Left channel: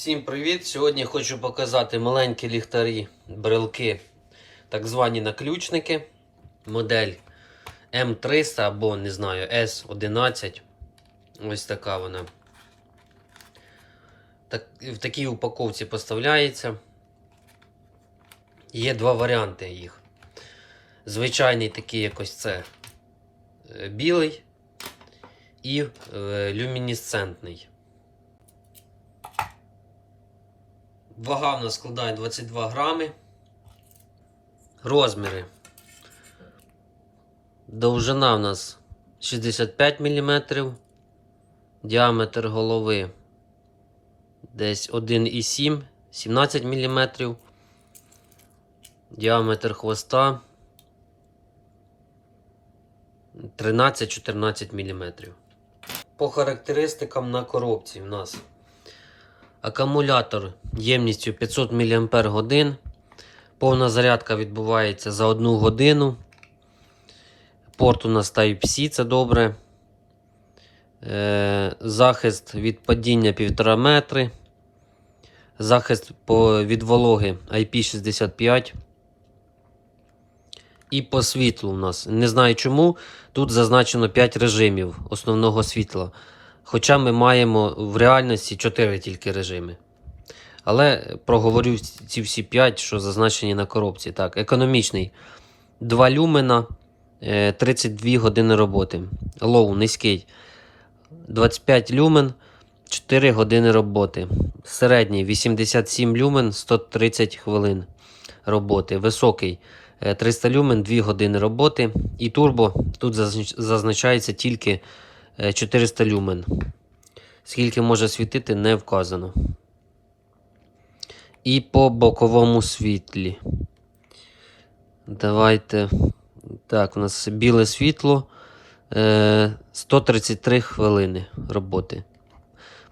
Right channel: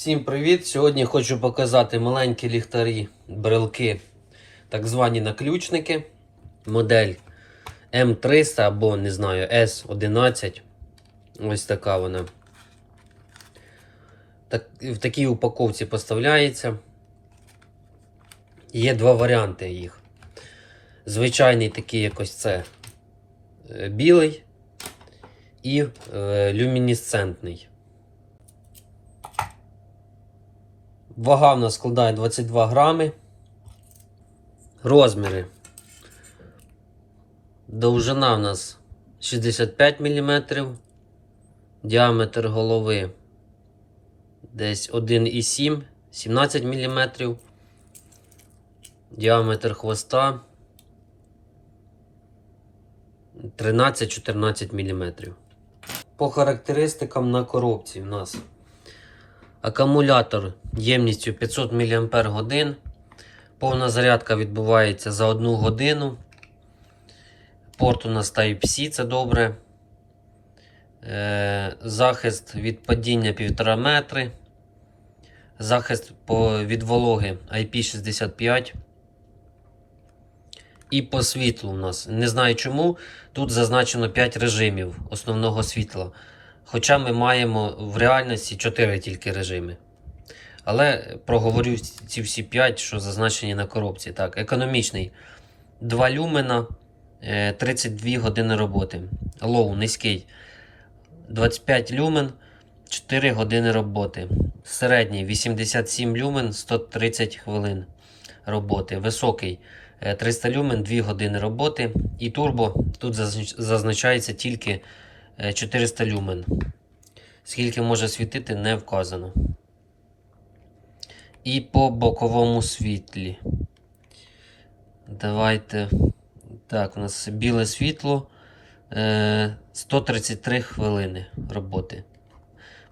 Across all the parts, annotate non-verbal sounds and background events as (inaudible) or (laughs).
Всім привіт! Сьогодні хочу показати маленькі ліхтарі, брелки, так звані наключники. Модель М300 або не знаю S11. Ось така вона. Так, в такій упаковці поставляється. Є два варіанти їх. Звичайний такий якось це е, білий і е, люмінесцентний. Вага в нас складає 22 грами. Розміри. Довжина в нас 65 мм. Діаметр голови десь 1,7, 17 мм. Діаметр хвоста 13-14 мм. По характеристикам на коробці в нас Акумулятор ємністю 500 мАч. Повна зарядка відбувається за 1 годину. Порт у нас Type-C, це добре. Е, захист від падіння 1,5 метри. Захист від вологи IP65. І по світлу у нас. Не знаю чому. Тут зазначено 5 режимів основного світла. Хоча ми маємо в реальності 4 тільки режими. Але проговорю ці всі 5, що зазначені на коробці. Так, економічний 2 люмена, е, 32 години роботи. Лоу низький 25 люмен, 4 години роботи. Середній 87 люмен, 130 хвилин роботи. Високий е, 300 люмен, 2 години роботи. І турбо тут зазначається тільки е, 400 люмен. Скільки може світити, не вказано. І по боковому світлі. Давайте. Так, у нас біле світло. Е, 133 хвилини роботи.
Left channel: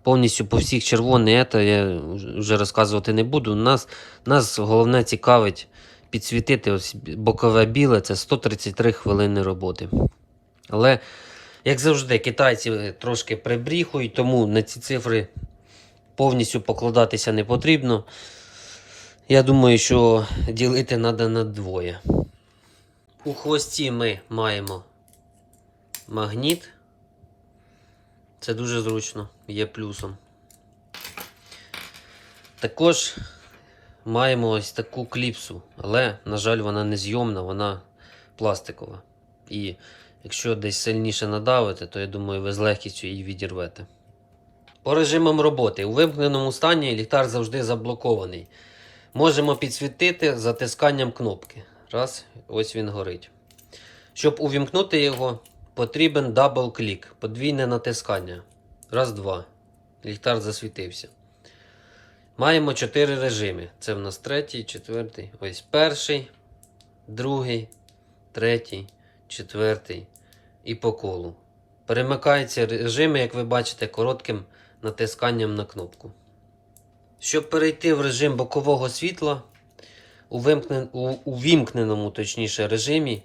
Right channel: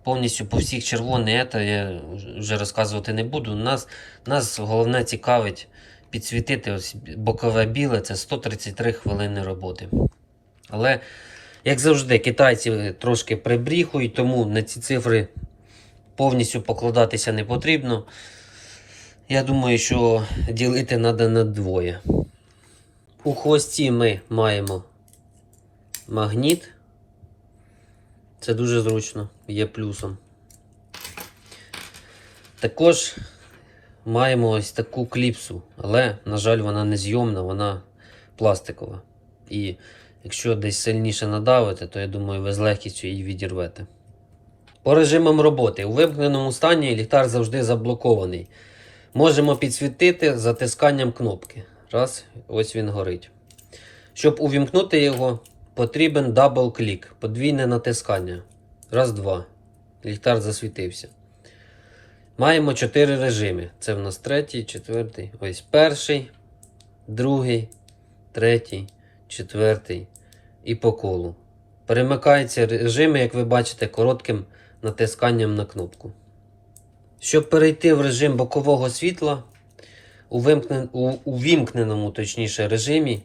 Повністю по всіх червоне, це я вже розказувати не буду. Нас, нас головне цікавить підсвітити ось бокове біле це 133 хвилини роботи. Але, як завжди, китайці трошки прибріхують, тому на ці цифри повністю покладатися не потрібно. Я думаю, що ділити треба на двоє. У хвості ми маємо магніт. Це дуже зручно, є плюсом. Також маємо ось таку кліпсу, але, на жаль, вона не зйомна, вона пластикова. І якщо десь сильніше надавити, то я думаю, ви з легкістю її відірвете. По режимам роботи. У вимкненому стані ліхтар завжди заблокований. Можемо підсвітити затисканням кнопки. Раз, ось він горить. Щоб увімкнути його, потрібен дабл-клік, подвійне натискання. Раз, два. Ліхтар засвітився. Маємо 4 режими. Це в нас третій, четвертий. Ось перший, другий, третій, четвертий і по колу. Перемикаються режими, як ви бачите, коротким натисканням на кнопку. Щоб перейти в режим бокового світла, у, вимкнен... у... у вімкненому точніше, режимі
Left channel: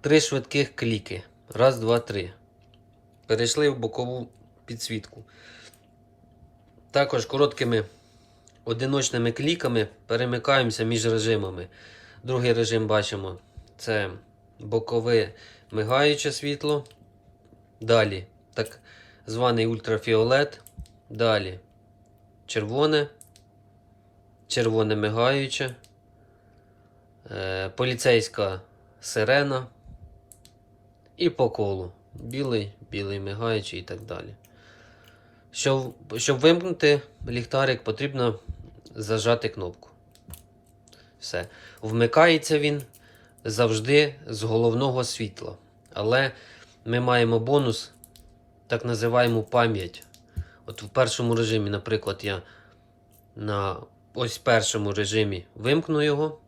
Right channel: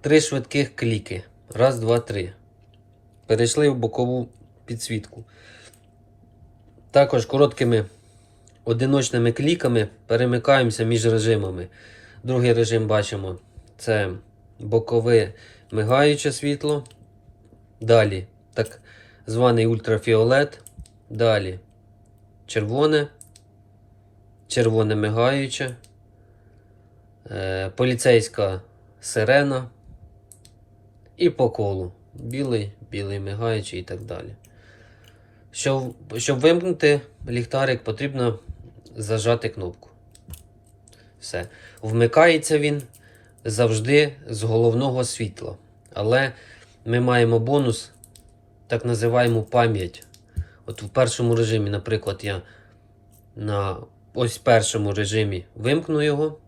три швидких кліки. Раз, два, три. Перейшли в бокову підсвітку. Також короткими одиночними кліками перемикаємося між режимами. Другий режим бачимо це бокове мигаюче світло. Далі так званий ультрафіолет. Далі червоне, червоне мигаюче, е, поліцейська сирена і по колу. Білий, білий мигаючий і так далі. Щоб, щоб вимкнути ліхтарик, потрібно зажати кнопку. Все. Вмикається він завжди з головного світла. Але ми маємо бонус, так називаємо пам'ять. От в першому режимі, наприклад, я на ось першому режимі вимкну його,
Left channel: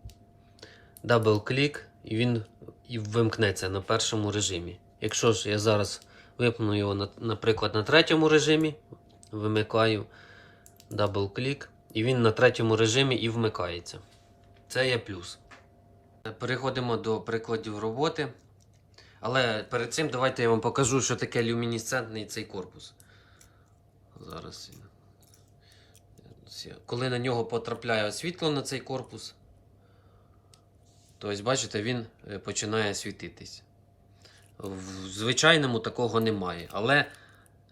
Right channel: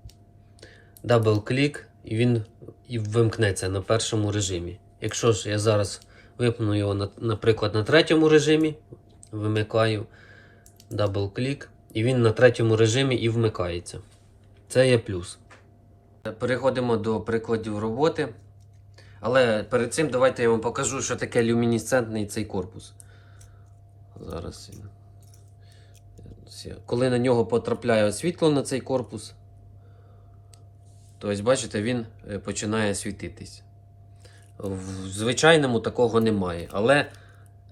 дабл-клік, і він і вимкнеться на першому режимі. Якщо ж я зараз вимкну його, на- наприклад, на третьому режимі, вимикаю дабл-клік, і він на третьому режимі і вмикається. Це є плюс. Переходимо до прикладів роботи. Але перед цим давайте я вам покажу, що таке люмінесцентний цей корпус. Зараз Коли на нього потрапляє світло на цей корпус, то ось бачите, він е, починає світитись. В звичайному такого немає. Але,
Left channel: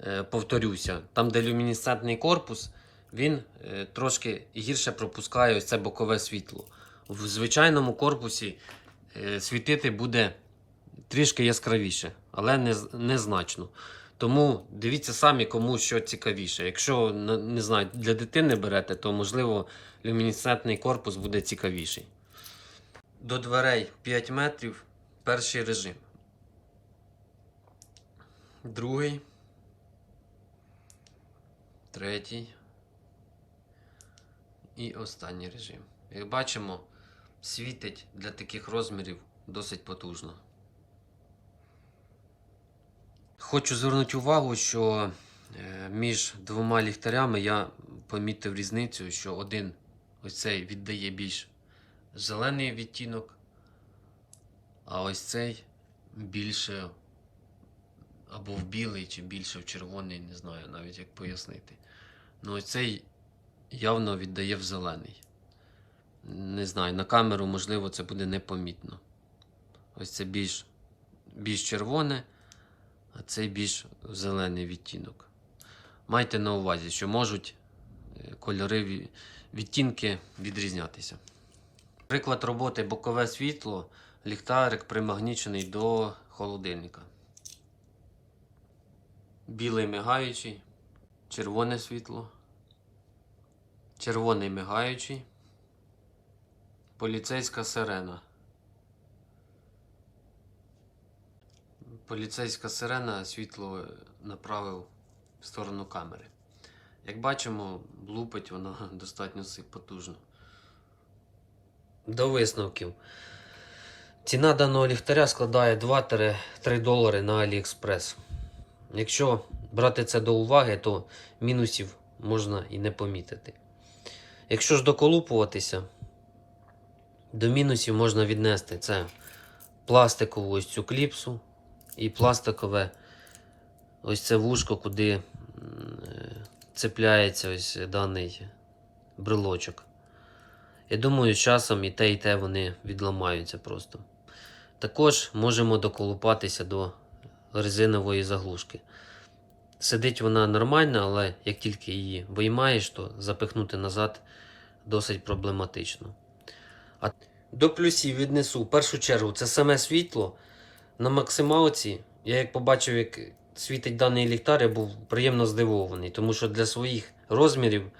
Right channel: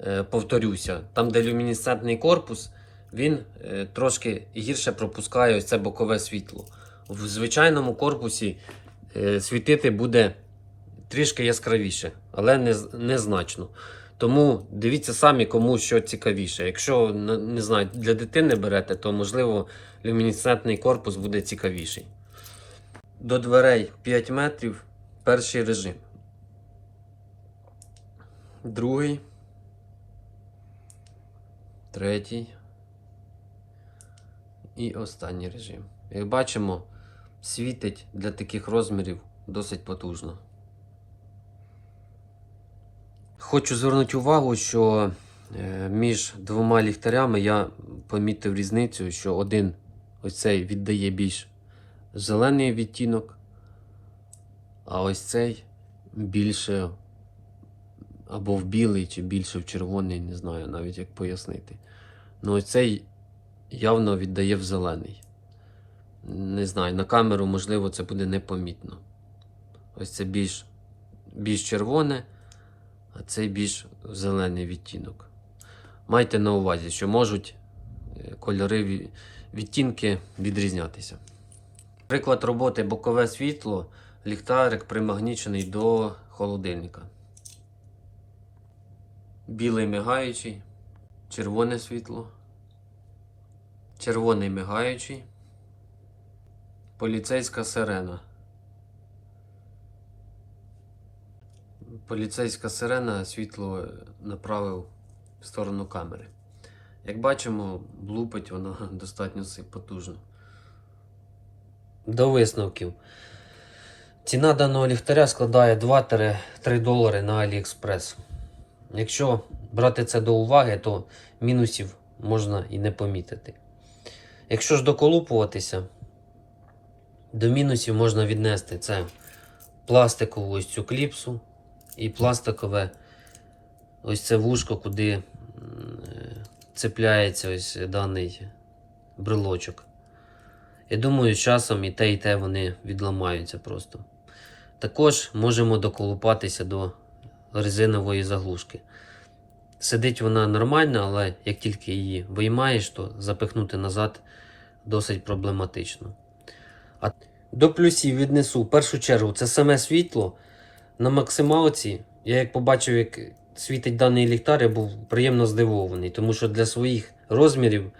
е, повторюся, там, де люмінесцентний корпус, він е, трошки гірше пропускає ось це бокове світло. В звичайному корпусі е, світити буде трішки яскравіше, але незначно. Тому дивіться самі, кому що цікавіше. Якщо не знаю, для дитини берете, то можливо люмінесцентний корпус буде цікавіший. До дверей 5 метрів. Перший режим. Другий. Третій. І останній режим. Як бачимо, світить для таких розмірів досить потужно. Хочу звернути увагу, що е, між двома ліхтарями я помітив різницю, що один ось цей віддає більш зелений відтінок, а ось цей більше або в білий, чи більше в червоний, не знаю навіть як пояснити. Ну, ось цей явно віддає в зелений. Не знаю, на камеру, можливо, це буде непомітно. Ось це більш, більш червоне, а цей більш зелений відтінок. Майте на увазі, що можуть е, кольори відтінки відрізнятися. Приклад роботи бокове світло, ліхтарик примагнічений до холодильника. Білий мигаючий, червоне світло, червоний мигаючий, поліцейська сирена. Поліцейська сирена світло направив в сторону камери. Як бачимо, блупить вона (laughs) достатньо потужно. До висновків. Ціна даного ліхтаря складає 2-3 долари на AliExpress. Якщо брати це до уваги, то мінусів можна і не помітити. Якщо ж доколупуватися, до мінусів можна віднести це пластикову ось цю кліпсу і пластикове ось це вушко, куди цепляється ось даний брелочок. Я думаю, часом і те, і те вони відламаються просто. Також можемо доколупатися до резинової заглушки. Сидить вона нормально, але як тільки її виймаєш, то запихнути назад досить проблематично. А до плюсів віднесу в першу чергу це саме світло. На максималці, я як побачив, як світить даний ліхтар, я був приємно здивований, тому що для своїх розмірів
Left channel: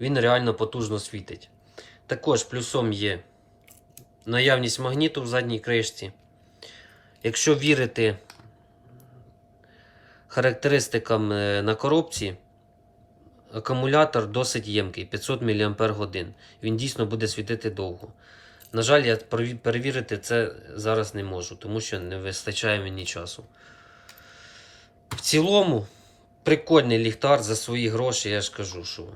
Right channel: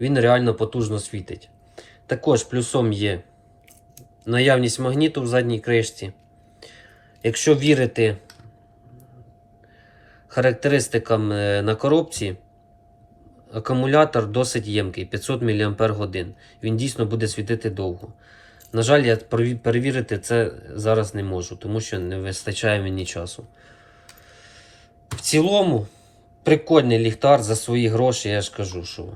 він реально потужно світить. Також плюсом є наявність магніту в задній кришці. Якщо вірити характеристикам е, на коробці, акумулятор досить ємкий 500 мАч. Він дійсно буде світити довго. На жаль, я перевірити це зараз не можу, тому що не вистачає мені часу. В цілому, прикольний ліхтар за свої гроші, я ж кажу, що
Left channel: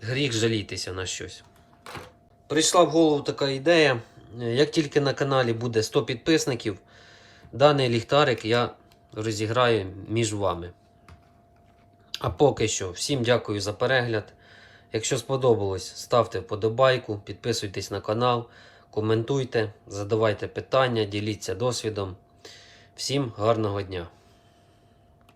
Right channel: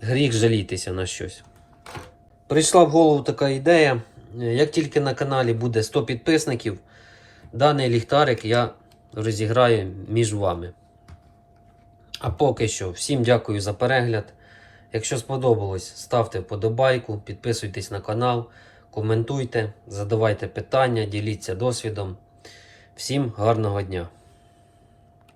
гріх жалітися на щось. Прийшла в голову така ідея. Як тільки на каналі буде 100 підписників, даний ліхтарик я розіграю між вами. А поки що, всім дякую за перегляд. Якщо сподобалось, ставте вподобайку, підписуйтесь на канал, коментуйте, задавайте питання, діліться досвідом. Всім гарного дня!